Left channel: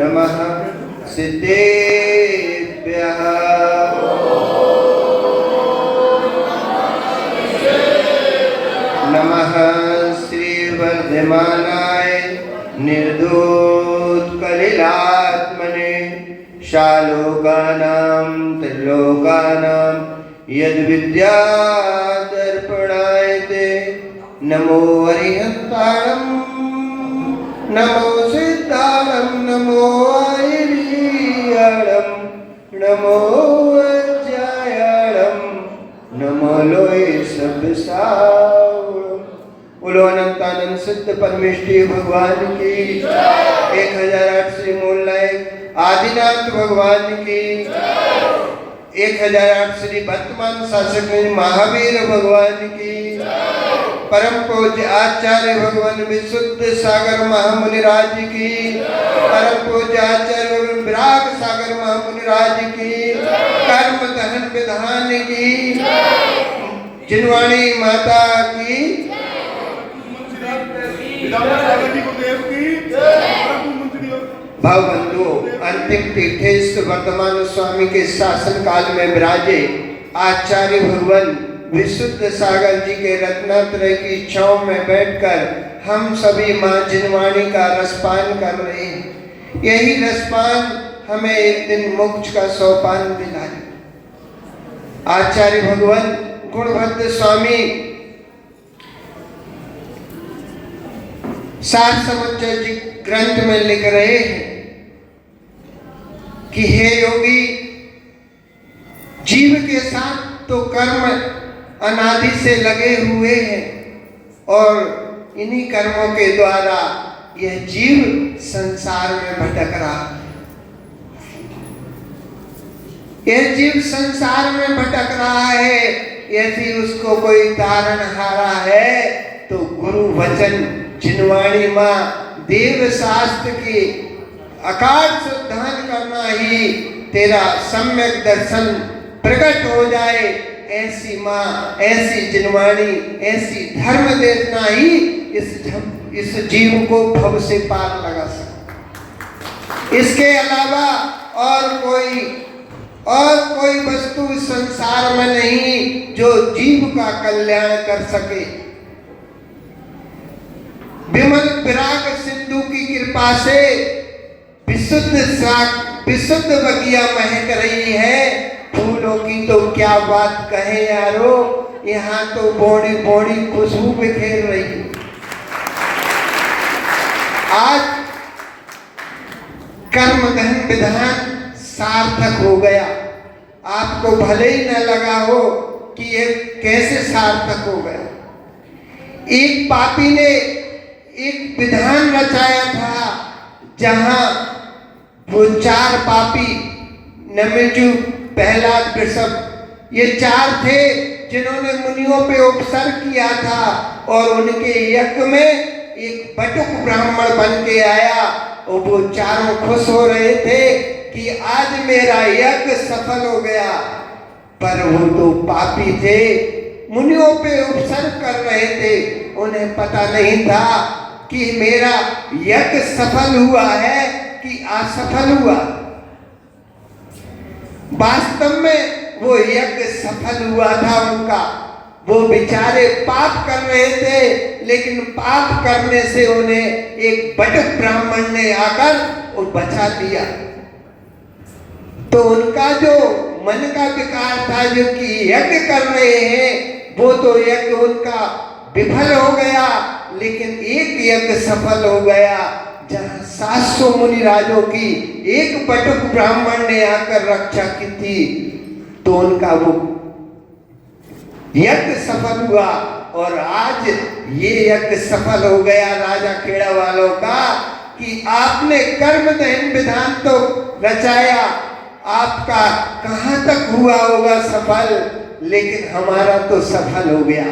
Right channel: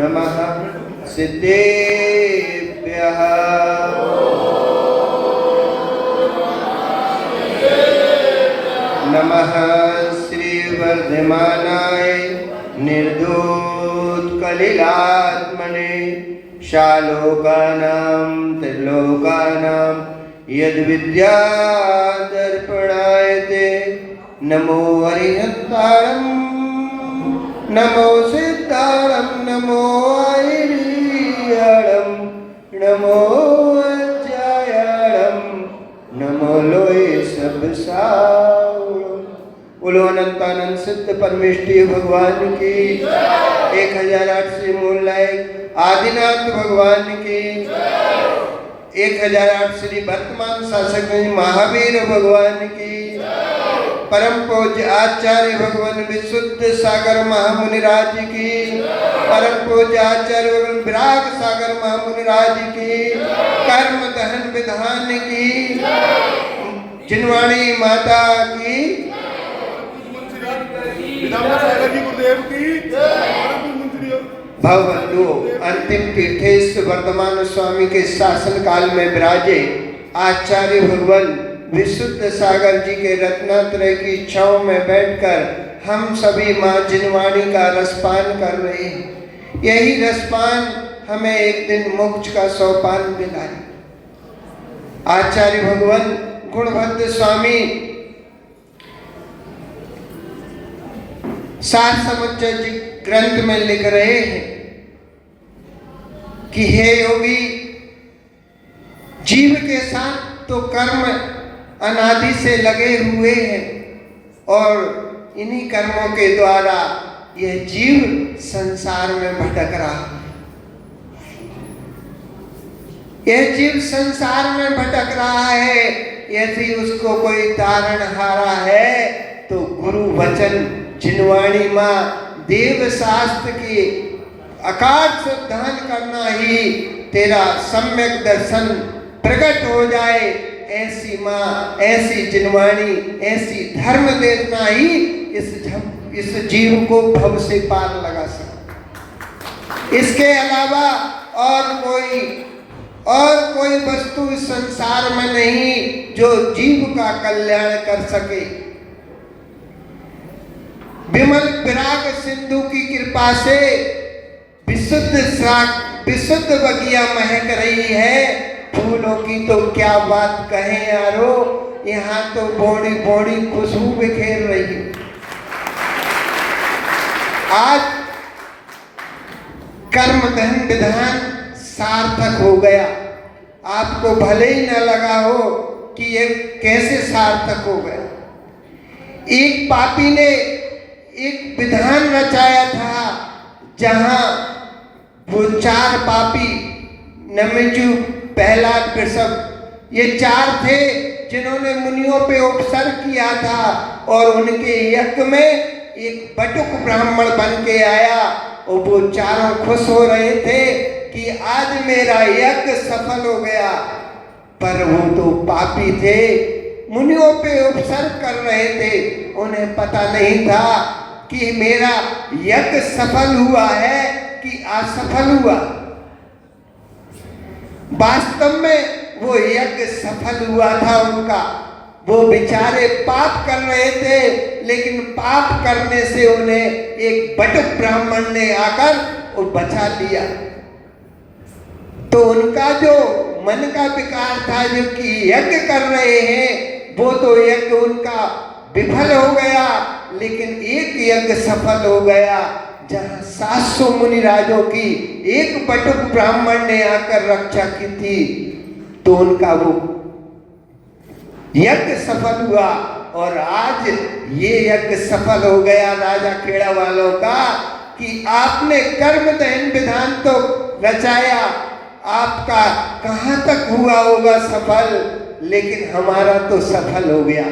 नमः सिद्धेभ्यः नमः श्रीवर्धमानाय निर्धूतकलिलात्मने शालोकानां त्रिलोकानां यद्विद्यादर्पणायते नमो हरिहंताणं नमो सिद्धाणं नमो आयर्याणं नमो अज्जायाणं नमो लोय सब सावळं। बोलो अनंतानंद सिद्ध परमेष्ठी भगवान की 1008 से मूल लायक आदिनाथ भगवान की 1008 श्री वर्तमान शासक महावीर भगवान की परम पूज्य आचार्य भगवान विशुद्ध सागर महामुनिराज की परम पूज्य आचार्य भगवान विराग सागर महामुनिराज की कर्म दहन विधान की जिनवाणी माता की भवबंधु अंतिम तीर्थेश्वर वर्तमान स्वामी के शासन काल में विराजे आचार्य भगवान विशुद्ध सागर जी के रत्नात्रय की छांव में बैठकर हम सभी मां जिनवाणी का रसपान कर रहे हैं। यही रसपान हमें एक दिन मोक्ष का सोपान दिलाए। आचार्य भगवान गुणभद्र स्वामी सार समुच्चय जी ग्रंथ में लिख रहे हैं कि हे योगी, जीव के साथ तो कर्म अनादि से लगे हुए हैं और इन्हीं कर्मों के द्वारा यह जीव संसार में भटक रहा है। यह जीव संसार में भटक रहा है। यदि उसको कोई तारणहारा है तो गुरु वचन जिनवाणी मां देव शास्त्र की अकाट श्रद्धान करना ही तेरा सम्यक दर्शन प्रकट हो जाए। ऐसी मां, ऐसी जिनवाणी, ऐसी धर्म देखना ही इस जीव को भव से पार लगा सकता। इसके अलावा और कोई वस्तु इस संसार में नहीं जो जीव का कल्याण कर सके। विमल विराग सिंधु की कृपा से विशुद्ध बगिया महक रही है। फूलों की तो क्या बात कहें यारो, यहाँ तो बड़ी बड़ी खुशबू बिखेर रही है। आज कर्म धन विधान सार्थक हो गया। आपको भले ही न लगा हो कि ये कैसे सार्थक हो गया। एक पापी ने एक विधान रचाया था जहां वो 4 पापी नमेजु, प्रहलाद, वृषभ, ये 4 थे जिन्होंने मुनियों पे उपसर्ग किया था और उनके यज्ञ में एक बटुक ब्राह्मण बन के आया और वो चारों खुश हो रहे थे कि आज मेरा यज्ञ सफल हो गया। पर वो तो पापी थे, मुनियों पे उपसर्ग कर रहे थे। उन्हें पता नहीं था कि मेरा यज्ञ सफल हुआ है कि असफल हुआ। वास्तव में वो यज्ञ सफल हुआ था उनका। वो बेचारे पाप कर रहे थे, लेकिन पाप करने से उन्हें एक बटुक ब्राह्मण ने आकर वो बचा दिया। तो उनका जो मन का विकार था, जो कि यज्ञ कर रहे हैं, वो तो यज्ञ उनका विफल हो गया, लेकिन एक यज्ञ सफल हो गया जहां 700 मुनिराजों की एक बटुक ब्राह्मण ने आकर रक्षा की थी। तो उनका वो यज्ञ सफल हुआ और आज ये यज्ञ सफल हो गया राजा खेड़ा वालों का कि आपने कर्म दहन विधान तो रचाया, आपका कहां तक हुआ होगा सफल, लेकिन हमारा तो सफल हो गया।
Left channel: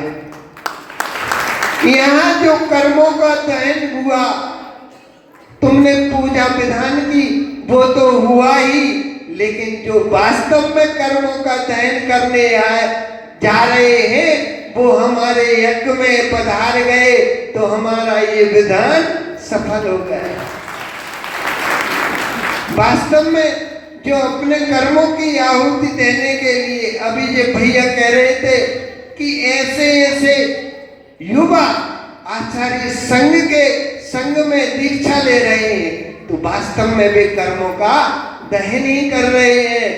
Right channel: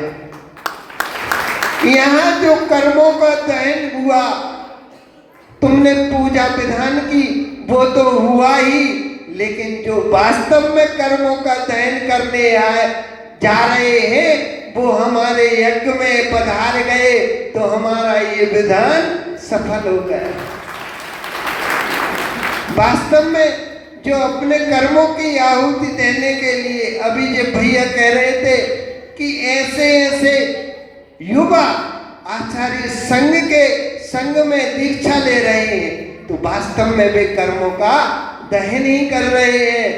यहाँ जो कर्मों का दहन हुआ, तुमने पूजा विधान की, वो तो हुआ ही, लेकिन जो वास्तव में कर्मों का दहन करने जा रहे हैं वो हमारे यज्ञ में पधार गए, तो हमारा ये विधान सफल हो गया। वास्तव में जो अपने कर्मों की आहुति देने के लिए अभी जो भैया कह रहे थे कि ऐसे ऐसे युवा आचार्य संघ में दीक्षा ले रहे हैं, तो वास्तव में वे कर्मों का दहन ही कर रहे हैं।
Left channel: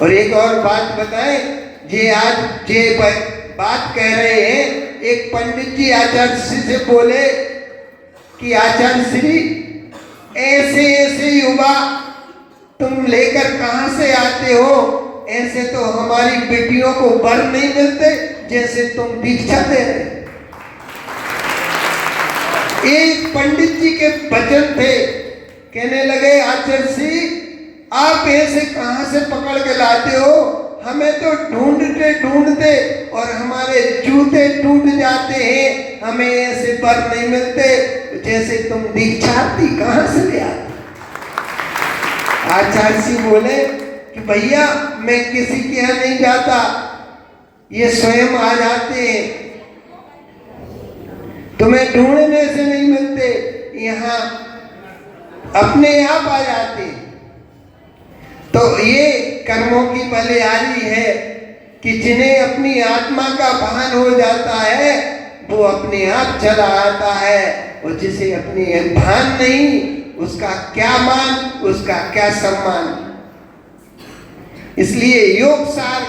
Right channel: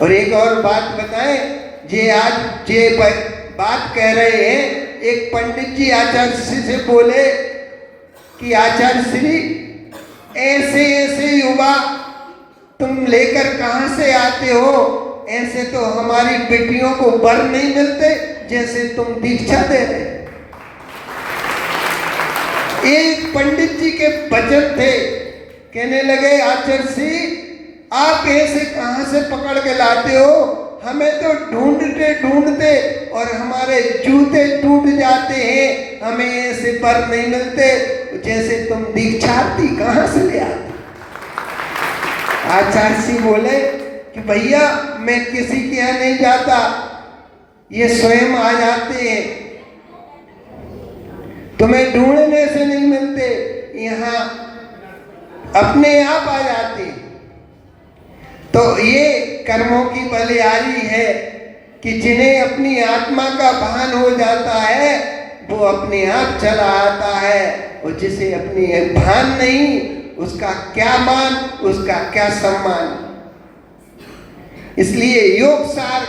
और एक और बात बताएं, आज ये बात कह रहे हैं, एक पंडित जी आचार्य श्री से बोले कि आचार्य श्री ऐसे ऐसे युवा तुम लेकर कहां से आते हो? ऐसे तो हमारी बेटियों को वर नहीं मिलते जैसे तुम दीक्षा दे रहे। एक पंडित जी के वचन थे, कहने लगे आचार्य श्री आप ऐसे कहां से पकड़ के लाते हो? हमें तो ढूंढते ढूंढते और हमारे जूते टूट जाते हैं, हमें ऐसे वर नहीं मिलते जैसे तुम दीक्षार्थी कहां से ले आते? आचार्य जी बोले कि भैया मैं किसी के यहाँ नहीं जाता, ये स्वयं आ जाते हैं, तुम्हें ढूंढने से नहीं मिलते, यहाँ अपने आप आ जाते। तो ये कर्मों की बलिहारी है कि जिन्हें अपनी आत्मा का भान हो जाता है वो अपने आप चला आता है, और जिसे अपनी भान नहीं उसका क्या मान, उसका क्या सम्मान। इसलिए योग सार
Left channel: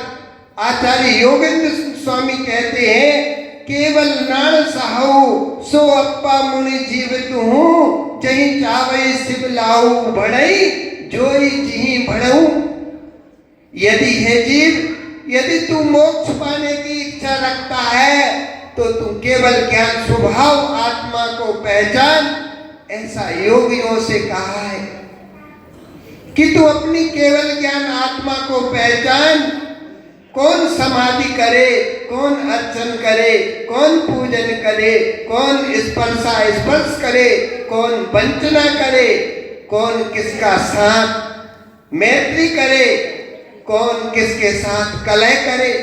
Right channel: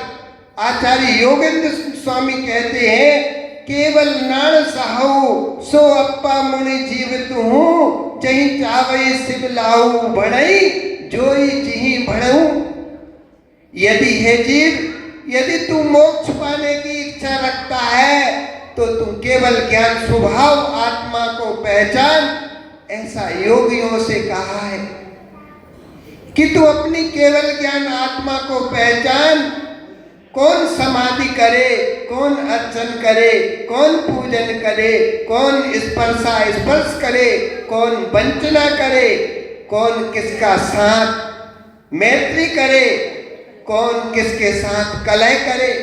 आचार्य योगेंद्र स्वामी कहते हैं, केवल नाण साहु सो अप्पा मुनि जीवित हूँ, जही चावई शिव लाऊ बढ़ई जोई जिही बढ़ऊ। यदि है जीव, यदि तू मोक्ष पाने की इच्छा रखता है तो तू केवल ज्ञान स्वभाव आत्मा को पहचान। ऐसा योगियों से कहा है कि तू अपनी केवल ज्ञान आत्मा को पहचान। कौन समाधि करे, कौन अर्चन करे, कौन पूजन करे, कौन स्पर्श करे, कौन वंचना करे, कौन किसका साथ मैत्री करे, कौन किसके साथ कलह करे।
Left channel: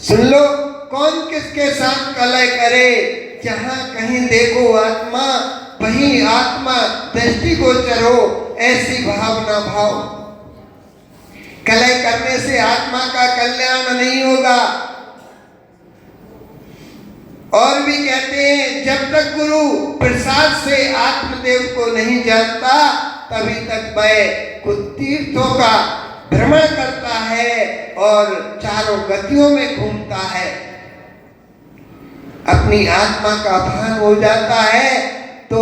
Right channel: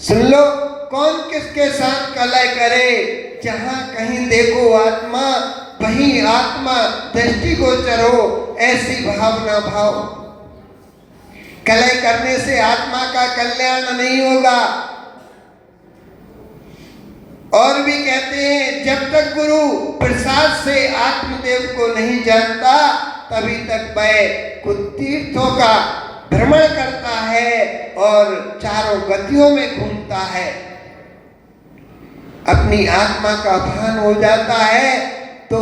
सुन लो, कौन किसके साथ कलह करे? जहां कहीं देखो आत्मा, वहीं आत्मा दृष्टिगोचर हो, ऐसी भावना भाव। कलह करने से आत्मा का कल्याण नहीं होगा। और भी कहते हैं, जब तक गुरु प्रसाद से आत्मदेव को नहीं जानता तभी तक वह कुछ तीर्थों का भ्रमण करता है और चारों गतियों में घूमता है। अपनी आत्मा का भान हो जाता है तो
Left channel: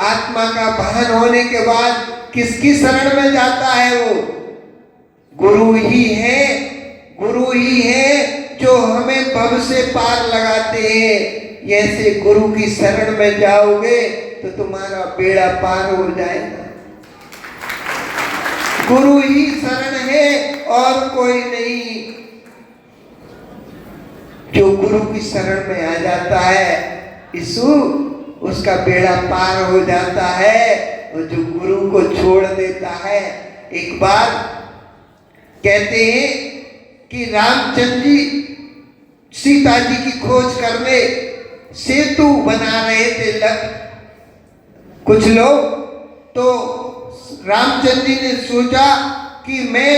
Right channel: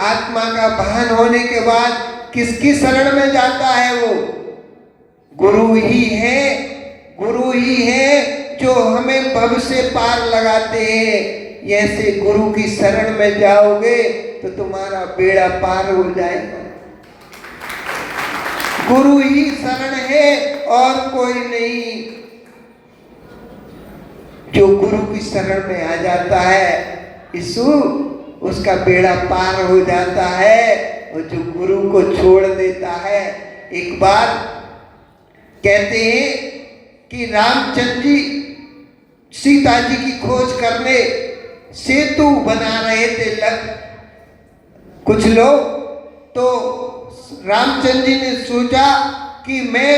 आत्मा का भान होने के बाद किसकी शरण में जाता है? वो गुरु ही है, गुरु ही है जो हमें भव से पार लगाते हैं। ऐसे गुरु की शरण में जाओगे तो तुम्हारा बेड़ा पार हो जाएगा। गुरु ही शरण है और कोई नहीं। जो गुरु की शरण में आ जाता है यीशु, उसका बेड़ा पार हो जाता है। और जो गुरु को छोड़ देता है, एक बार कहते हैं कि रामचंद्र जी सीता जी की खोज करने सेतु बना रहे थे कुछ लोग, तो रामचंद्र जी ने सोचा कि मैं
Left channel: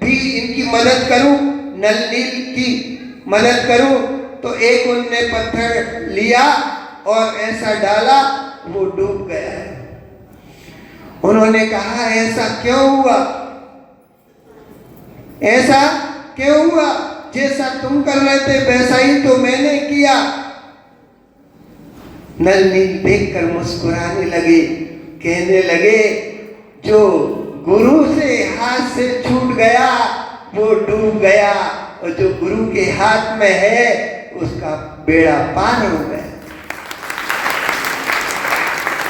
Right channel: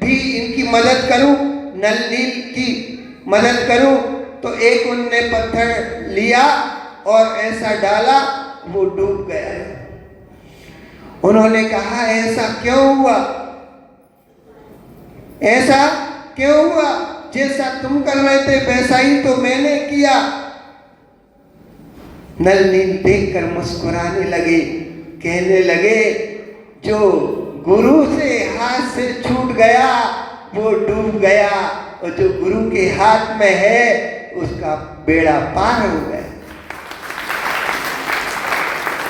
भी इनकी मदद करूं, नल नील की मदद करूं। तो एक उनने पत्थर लिया और ऐसा डाला, वो डूब गया। उन्होंने कहा ऐसा क्यों हुआ, ऐसा क्यों हुआ? जैसा तुम कर रहे थे वैसा ही तो मैंने किया। नल नील देखकर मुस्कुराने लगे, कहने लगे जो गुरु से हाथ से छूट गया वो डूब गया, और जो गुरु के हाथ में है उसका बेड़ा पार हो गया।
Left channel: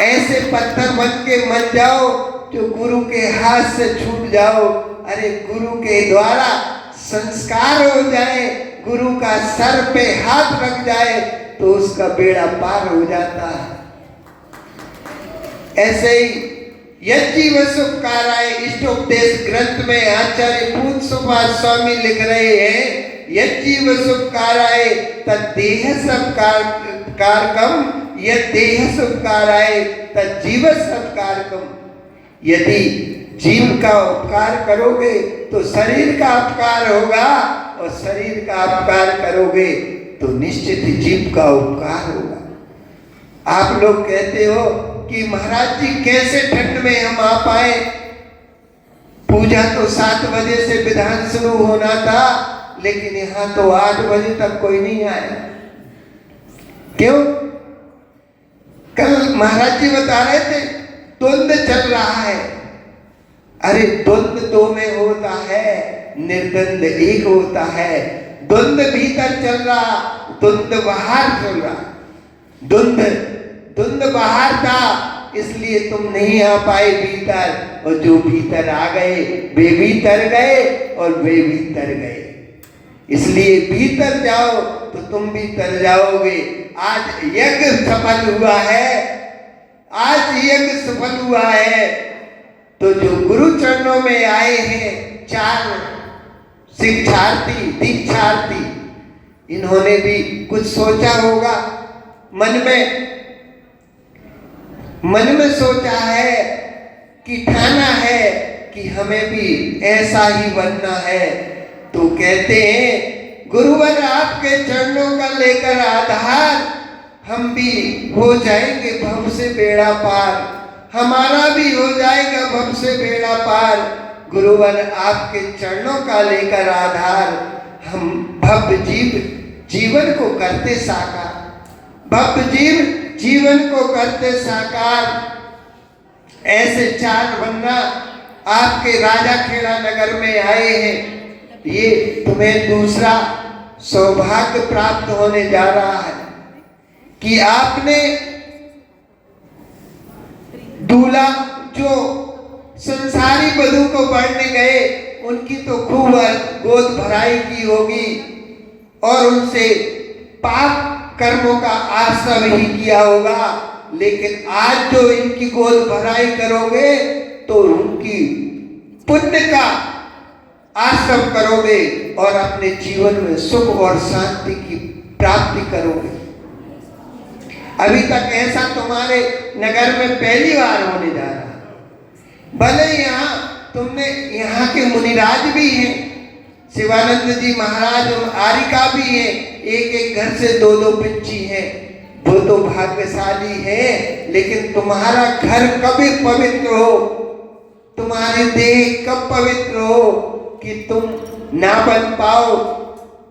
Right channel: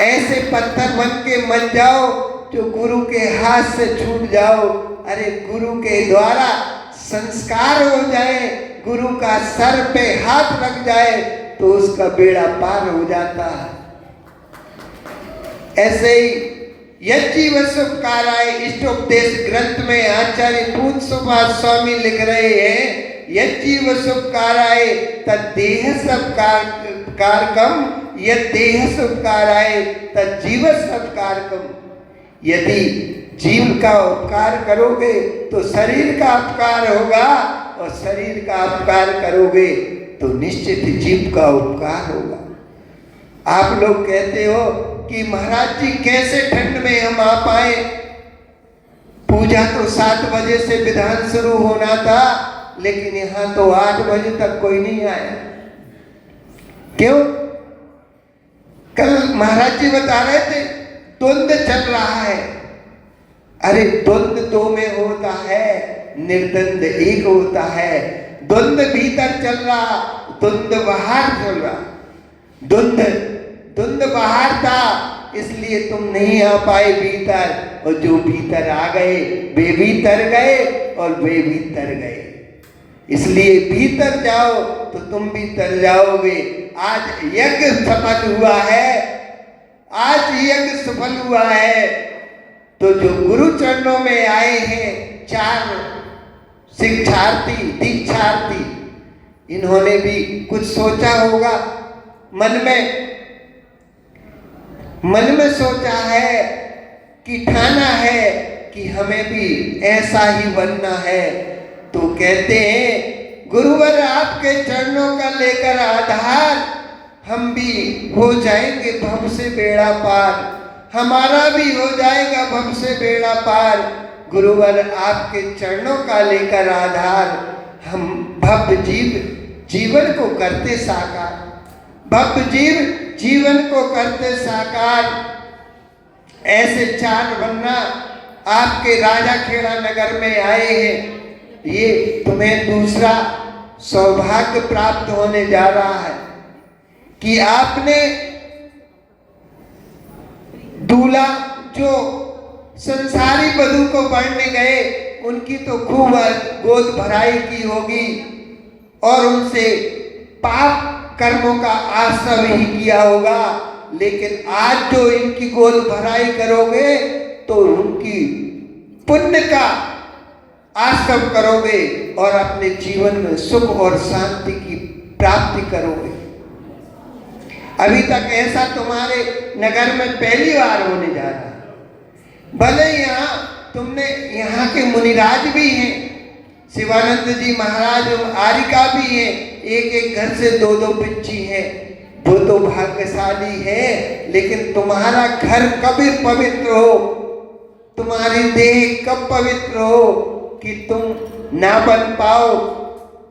ऐसे पत्थर बन के मत जाओ जो गुरु के हाथ से छूट जाओ। अरे गुरु के द्वारा संस्कार हो जाए, गुरु का सर पे हाथ लग जाए तो उसका बेड़ा पार हो जाता है। ऐसे ही यज्जीव सुखकाराय इष्टोपदेश ग्रंथ में आचार्य पूज्य सुभाष स्वामी लिख रहे हैं, यज्जीव सुखकाराय तद्देह सब कारकम यदि देह उपकाराय तज्जीव सत्कारकम। यदि जीव का उपकार करोगे तो शरीर का उपकार होगा, और शरीर का उपकार करोगे तो निश्चित जीव का उपकार होगा। आप लोग कहते हो कि महाराज जी कैसे ठंड में हम आ पाए, पूजा तो 7 बजे से विधान शुरू होना था, लेकिन यहाँ तो 8 बजे तक कोई नहीं आया। क्यों? कल महाराज जी बता रहे थे द्वंद चल रहा है। अरे द्वंद 2 में होता है, निर्द्वंद 1 होता है। द्वंद भीतर चल रहा, द्वंद बाहर चल रहा। द्वंद बाहर था, इसलिए तुम नहीं आ पाए भीतर, और जो भीतर आ गए वे भी तर गए और वे भी तर गए। इसलिए भीतर जाओ तो तुम भी तर जाओगे। आज यज्ञ सफल हुआ है, आज यज्ञ सफल हुआ है। तो जो गुरु चरणों में आए हैं 4 शिक्षार्थी दीक्षार्थी, इन्होंने भी कुछ सोचा होगा मन में सोचा है कि ठाना है कि हमें भी ऐसा ही बनना है। तो कहते हैं गुरुवर आपके चरणों का लेकर आधार, हम भी हो जाएंगे भव से बेड़ा पार, हमारा भी हो जाएगा भव से बेड़ा पार। गुरुवर आपके चरणों का लेकर आधार, हम भव जीवन को करते साकार, भव जीवन को करते साकार। ऐसे 4 वन्ना आपके राजा खेड़ा नगर में आए हैं। ये तुम्हें दूसरा सौभाग्य प्राप्त होने जा रहा है कि आपने दूल्हा जो संसारी वधू को बढ़ने गए, उनकी तो खूब गोद भराई की होगी और उनसे पाप कर्मों का आश्रम ही किया होगा। लेकिन आज जो इनकी गोद भराई करोगे तो उनकी पुण्य का आश्रम करोगे और अपने जीवन में सुख और शांति की प्राप्ति करोगे। अभी तक ऐसा तुम्हारे नगर में पहली बार होने जा रहा है। भले यहाँ के मुनिराज भी हैं, शिवानंद जी महाराज आरिका भी है, एक घर से 2 पिच्ची है, वो तो भाग्यशाली है। लेकिन तुम्हारा घर कब पवित्र हो, तुम्हारी देह कब पवित्र हो कि तुम ना बन पाओ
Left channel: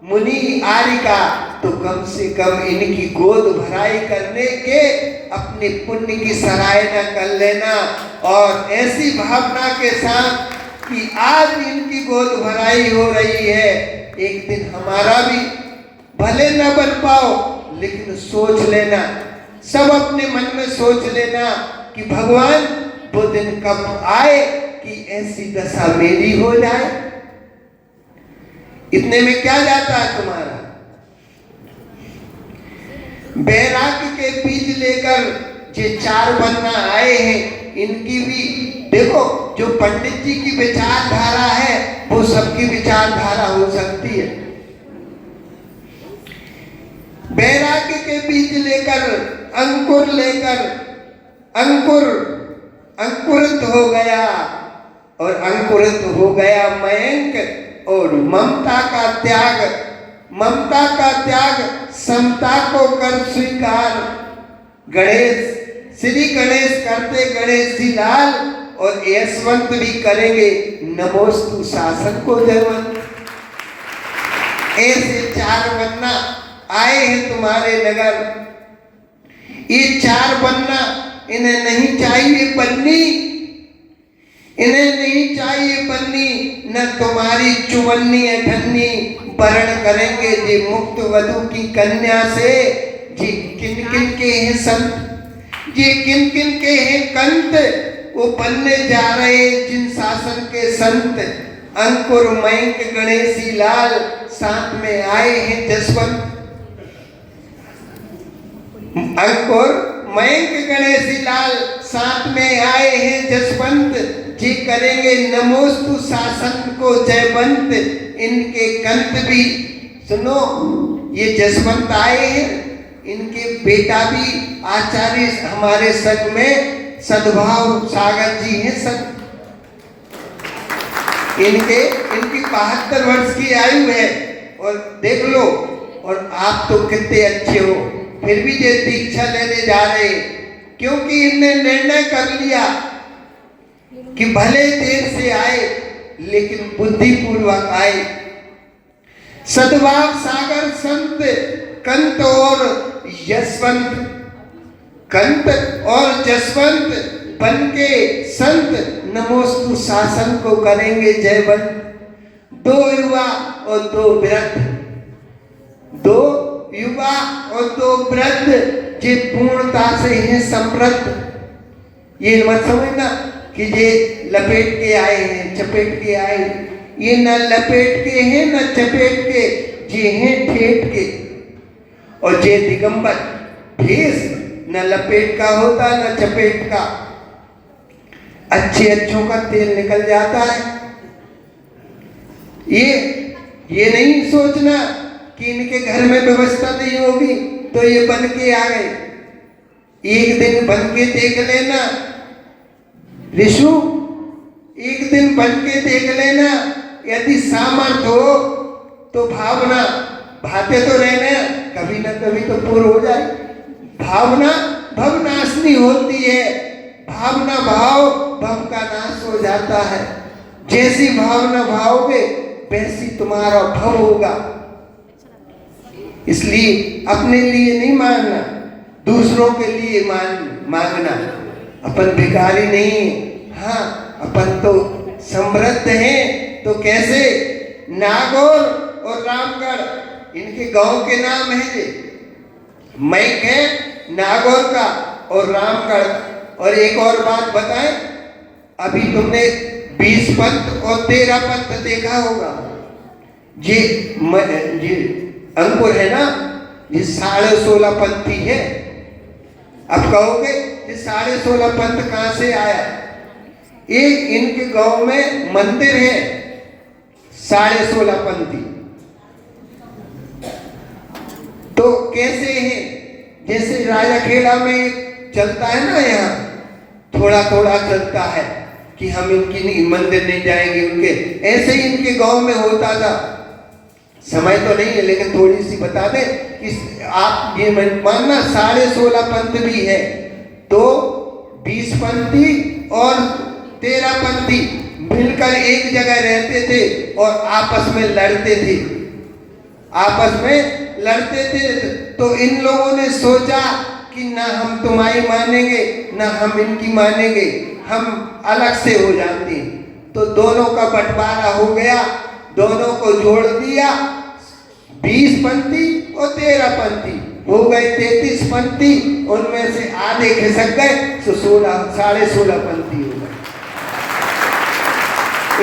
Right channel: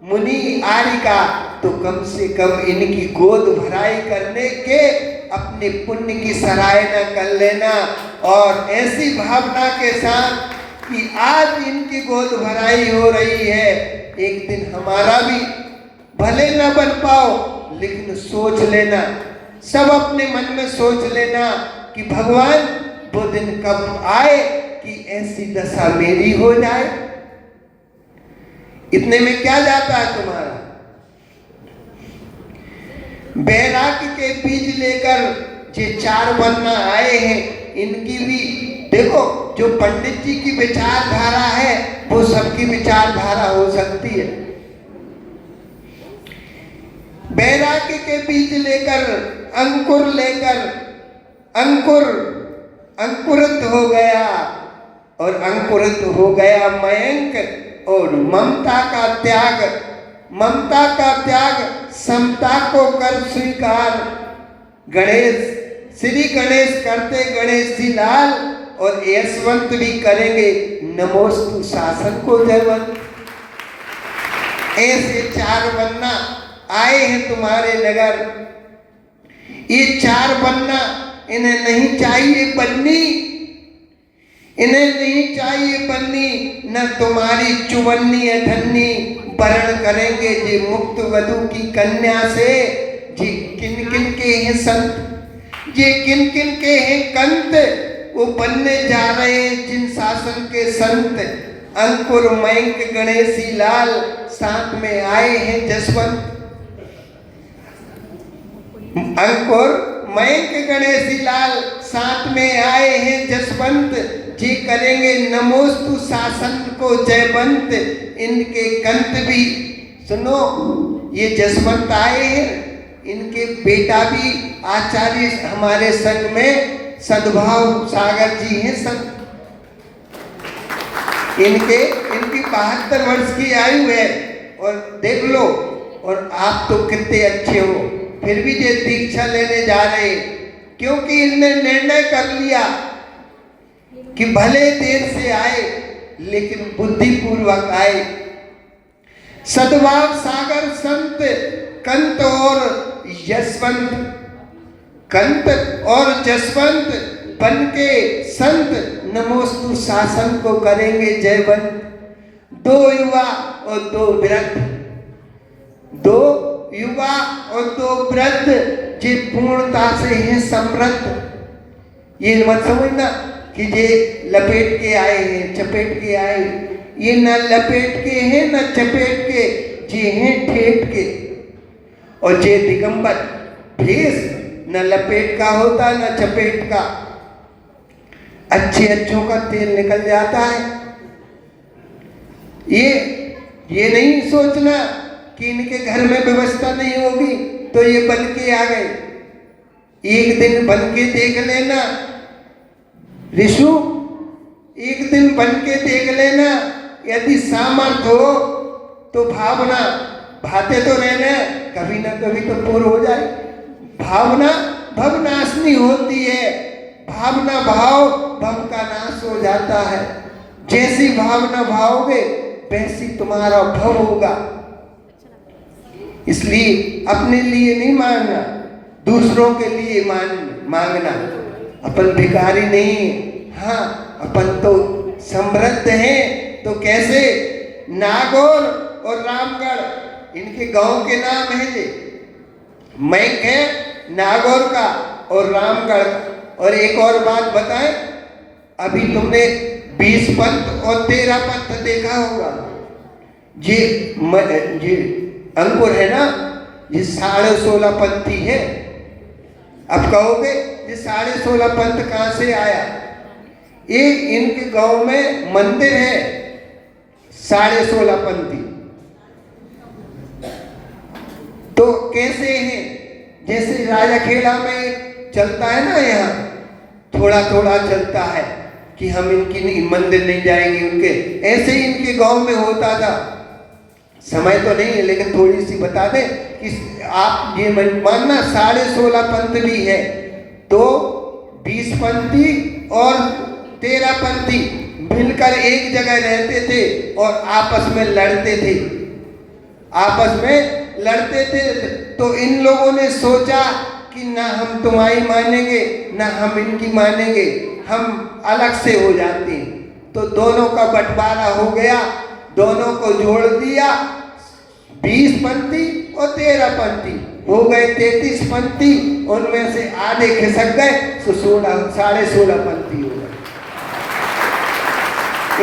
मुनि आरिका, तो कम से कम इनकी गोद भराई करने के अपने पुण्य की सराहना कर लेना, और ऐसी भावना के साथ कि आज इनकी गोद भराई हो रही है, एक दिन हमारा भी भले न बन पाओ, लेकिन सोच लेना, सब अपने मन में सोच लेना कि भगवान वो दिन कब आए कि ऐसी दशा मेरी हो जाए। इतने में क्या जाता है तुम्हारा। बैराग्य के बीज लेकर जो 4 वन्ना आए हैं, इनकी भी देखो, जो पंडित जी की विचारधारा है वो सबकी विचारधारा हो सकती है। बैराग्य के बीज लेकर अंकुरित हो गया, और अंकुरित हो गया मयंक, और ममता का त्याग समता को कर स्वीकार। श्री गणेश करते गणेश जी लाल, और यशवंत भी करेंगे नमोस्तु शासन को जयवंत। ऐसे 4 वन्ना आए हैं तुम्हारे नगर। ये 4 वन्ना, इन्हें नहीं चाहिए बन्नी, इन्हें नहीं चाहिए बन्नी, न तुम्हारी चुवन्नी अठन्नी वरण करेंगे जे मुक्त वधु की कन्या से। जी किन किन के हैं संत, जी किन किन के हैं कंत, वो बनने जा रहे हैं जिन शासन के संत। अंकुर मयंक गणेशी लाल, साथ में आए हैं जसवंत। अंकुर मयंक गणेशी लाल, साथ में आए हैं जसवंत। जी करेंगे नमोस्तु शासन को जयवंत। इनके कंत भी सुनो, ये जसवंत आए हैं, इनके बेटा भी आचार्य हमारे संघ में सद्भाव सागर जी हैं। सब इनकी 72 वर्ष की आयु है और देख लो, और आप तो कितने अच्छे हो, फिर भी ये दीक्षा लेने जा रहे हैं, क्योंकि इनने निर्णय कर लिया कि भले देर से आए लेकिन बुद्धिपूर्वक आए। सद्भाव सागर संत कंत और यशवंत, कंत और जसवंत बन के संत नमोस्तु शासन को करेंगे जयवंत। 2 युवा और 2 वृद्ध, 2 युवा और 2 वृद्ध जे पूर्णता से हैं समृद्ध। ये मत समझना कि ये लपेट के आए हैं, चपेट के आए, ये न लपेट के हैं न चपेट के, ये हैं ठेठ के। और ये दिगंबर भेष न लपेट का होता न चपेट का। अच्छे अच्छों का तेल निकल जाता है। ये नहीं सोचना कि इनके घर में व्यवस्था नहीं होगी तो ये बन के आ गए। एक दिन बन के देख लेना ऋषु, एक दिन बन के देख लेना, यदि सामर्थ्य हो तो भावना भाते तो रहना, कभी ना कभी तो पूर्ण हो जाए। भावना भवनाशनी होती है, भावना भाव भव का नाश हो जाता है। जैसी भावना भावोगे वैसी तुम्हारा भव होगा। इसलिए अपने लिए नहीं मांगना, दूसरों के लिए मांगना। अपन भिखारी नहीं है, हाँ अपन तो समृद्ध हैं। तो कैसे? नागौर और रामगढ़ इनके गांव के नाम है जे। मैक है नागौर का और रामगढ़। और एक और बात बताएं, अभी तुमने 20 पंथ और 13 पंथ देखा होगा। ये अंकुर है ना, ये 16.5 पंथी है। अब कहोगे ये 16.5 पंथ कहां से आया? एक इनके गांव में मंदिर है 16.5 पंथी। तो कैसे है? जैसे राजाखेड़ा में चलता है ना, यहाँ थोड़ा थोड़ा चलता है कि हम इनकी मंदिर नहीं जाएंगे उनके, ऐसे ही इनके गांव में होता था। समय तो नहीं है लेकिन थोड़ी सी बता दें कि आप ये मानना 16.5 पंथ भी है, तो 20 पंथी और 13 पंथी मिलकर एक जगह रहते थे और आपस में लड़ते थे, आपस में लड़ते थे। तो इन लोगों ने सोचा कि ना हम तुम्हारी मानेंगे ना हम इनकी मानेंगे, हम अलग से हो जाते हैं। तो दोनों का बंटवारा हो गया, दोनों को जोड़ दिया। 20 पंथी और 13 पंथी हो गए 33 पंथी। उनमें से आधे खिसक गए तो 16.5 पंथी हो गए।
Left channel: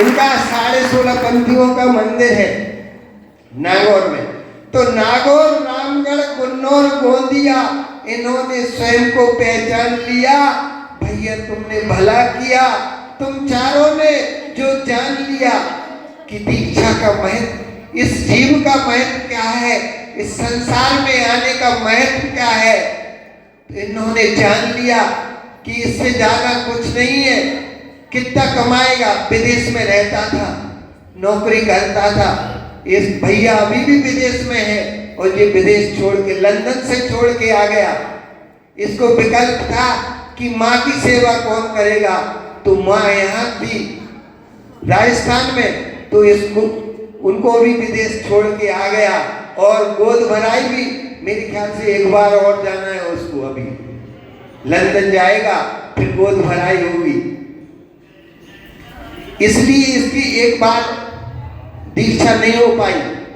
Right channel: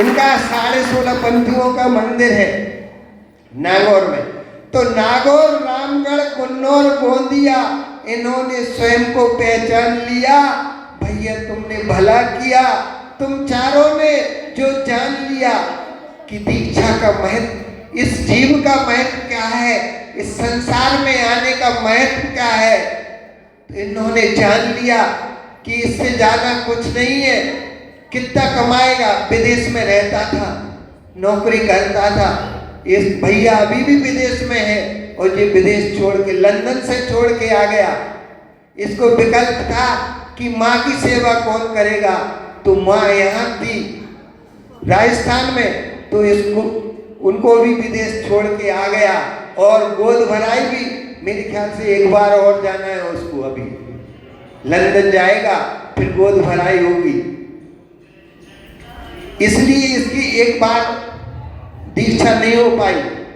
इनका 16.5 पंथियों का मंदिर है नागौर में। तो नागौर, रामगढ़, कुन्नौर, गोंदिया, इन्होंने स्वयं को पहचान लिया। भैया तुमने भला किया, तुम चारों ने जो जान लिया कि दीक्षा का महत्व, इस जीव का महत्व क्या है, इस संसार में आने का महत्व क्या है। तो इन्होंने जान लिया कि इससे ज्यादा कुछ नहीं है। कितना कमाएगा? विदेश में रहता था, नौकरी करता था। इस भैया अभी भी विदेश में है और ये विदेश छोड़ के, लंदन से छोड़ के आ गया। इसको विकल्प था कि माँ की सेवा कौन करेगा, तो माँ यहाँ थी राजस्थान में, तो इसको उनको भी विदेश छोड़ के आ गया। और गोद भराई भी मेरे ख्याल से एक बार और जाना है उसको, अभी लंदन जाएगा फिर गोद भराई होगी। इसलिए इसकी एक बार दीक्षा नहीं हो पाई।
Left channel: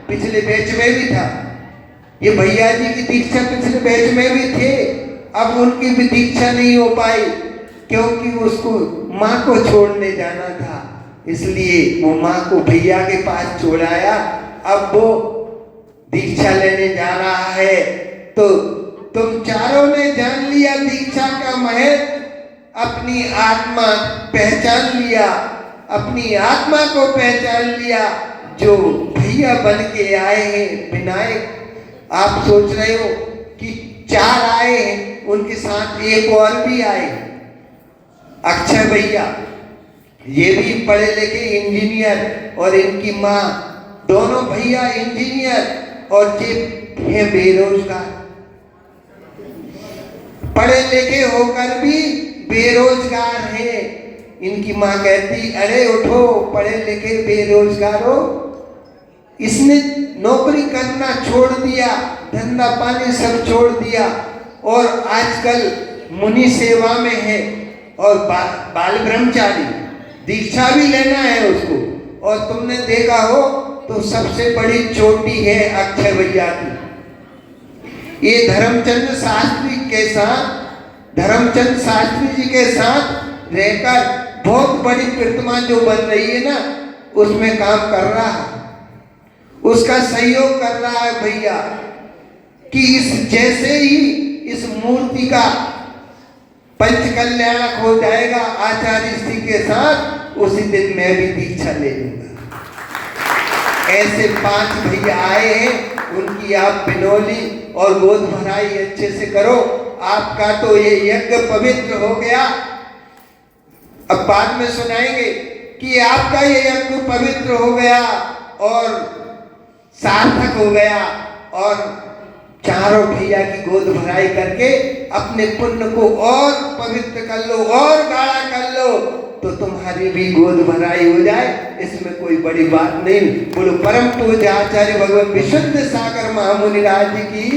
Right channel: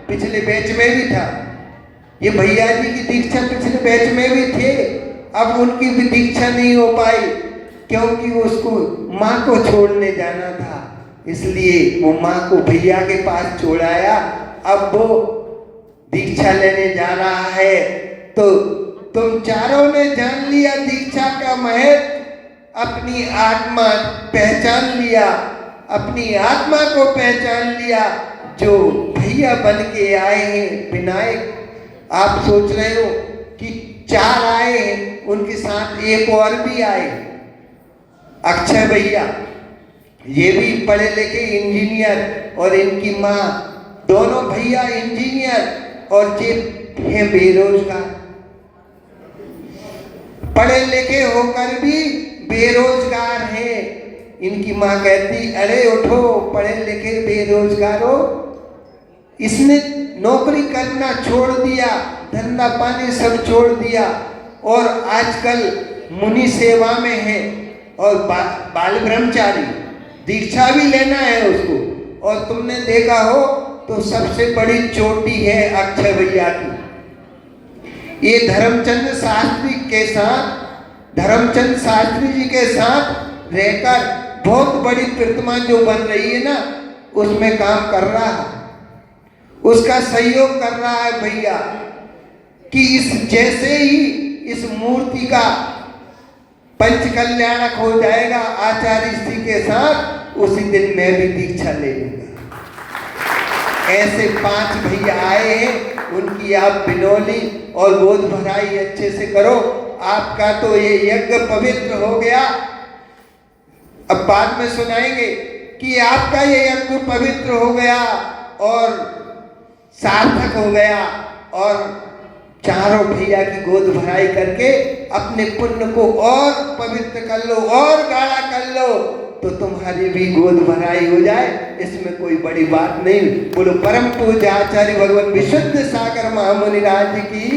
पिछले बैच में भी था ये भैया जी की दीक्षा, पिछले बैच में भी थे, अब उनकी भी दीक्षा नहीं हो पाई क्योंकि उसको माँ को छोड़ने जाना था। इसलिए वो माँ को भैया के पास छोड़ाया। अब वो दीक्षा लेने जा रहा है। तो तुम चारों ने जान लिया दीक्षा का महत्व, अपनी आत्मा पहचान लिया, अपनी आत्मा को पहचान लिया। जो भैया बन के आए हैं विनायक, आप सोच रहे हो कि 4 आए हैं, उनके साथ एक और भी आए, अक्षय भैया। ये भी पढ़े लिखे इंजीनियर और इनकी माँ, दोनों भैया इंजीनियर और ये है बेरोजगार। पढ़े लिखे होकर भी बेरोजगार है। इनकी माँ कहती, अरे उठो, पढ़े लिखे बेरोजगार हो। इसने नौकरी करना छोड़ दिया, धंधा पानी सब छोड़ दिया और आजकल मुनि सेवा में है और बाल ब्रह्मचारी, दीक्षा भी लेना है उसको। और तुमने देखा हो तो सबसे बड़ी चोटी है अक्षय भैया की। ये धर्मचंद शास्त्री जी के साथ रहकर बहुत बड़ी प्रतिमा जो बन रही है ना, उसमें काम कर रहा है, उसका सहयोग कर रहा है भैया। कि इस जैसे ही इस मूर्ति का पंचकल्याणक हो जाएगा आचार्य श्री के साथ, उसी दिन मैं भी दीक्षा ले लूंगा। ऐसे 5 भैया आए हैं, उनकी आप बिनौली और गोद भराई अच्छे से करो। आपका तो ये यज्ञ पवित्र हो गया। अब बाद में सुनाएंगे कि आपका ये यज्ञ पवित्र हो गया और सार्थक हो गया, और चारों भैया की गोद भराई करके अपने पुण्य को और पवित्र कर लो और गाढ़ा कर लो, तो तुम्हारी भी गोद भराई हो जाए। इसमें कोई बड़ी बात नहीं। बोलो परम पूज्य आचार्य भगवान विशुद्ध सागर महामुनि राज की।